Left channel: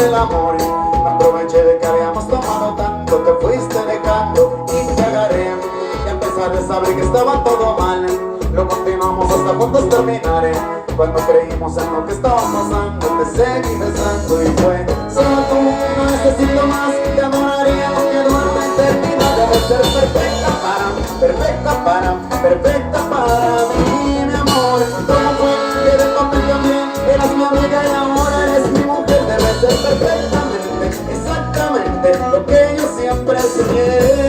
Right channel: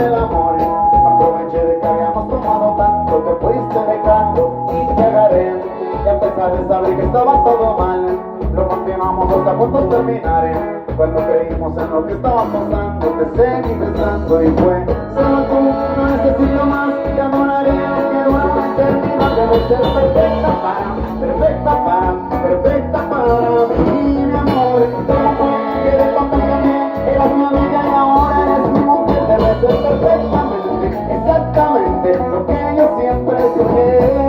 el amor. Me aproveché de que habíamos tomado tanto, te fuiste dejando y te agarré. Y a pesar de saber que estaba todo mal, lo continuamos hasta juntos terminar. Cuando creímos en lo que estaba pasando, te seguí besando y fue solo tú, no necesito más. Te adoraré aunque dura una eternidad. Debes ser perfecta para mí, mi amor. ¿Cómo fue que de papel también eras mi amiga y ahora eres mi mujer? Debes ser perfectamente, exactamente lo que yo siempre soñé.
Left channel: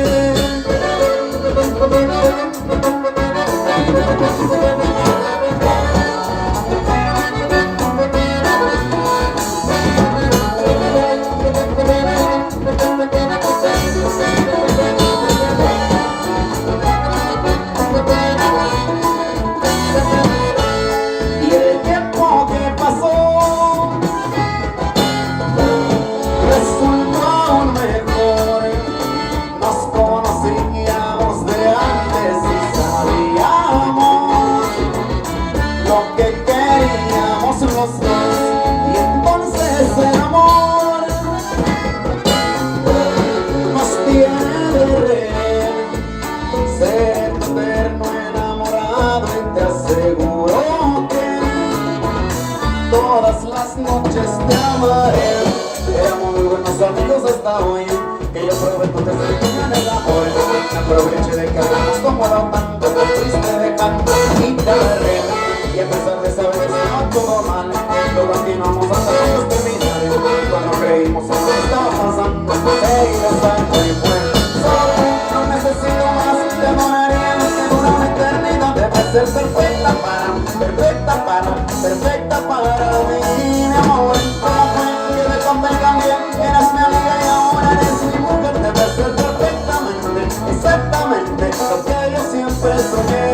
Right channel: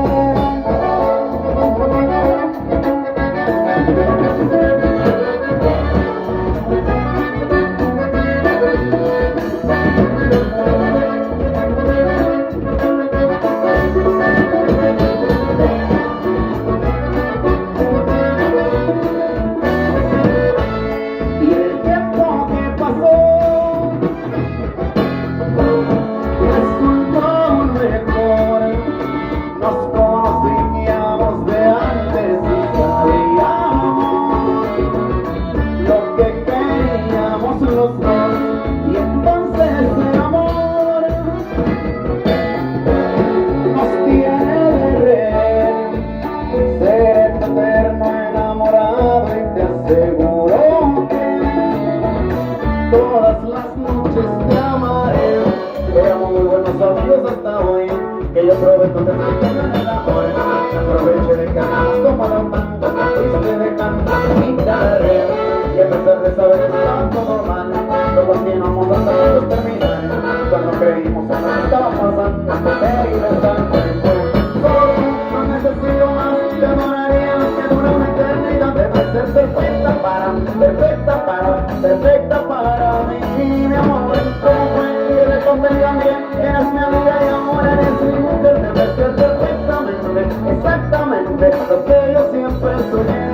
Todas las noches te amaré. Éramos muy buenos amigos hasta hoy, que yo prometo que se en el amor. Me aproveché de que habíamos tomado tanto, te fuiste dejando y te agarré. Y a pesar de saber que estaba todo mal, lo continuamos hasta todos terminar. Cuando creímos en lo que estaba pasando, te seguí besando y fue solo tú, no necesito más. Te adoraría lo que dura una eternidad. Debes ser perfecta para mí, mi amor. ¿Cómo fue que de convenga bien? Eras mi amiga y ahora eres mi mujer. Debes ser perfectamente, exactamente lo que yo siempre soñé.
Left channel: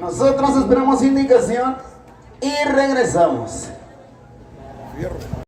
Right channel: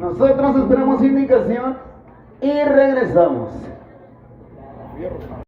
Nosotros esperamos indicación y regresamos.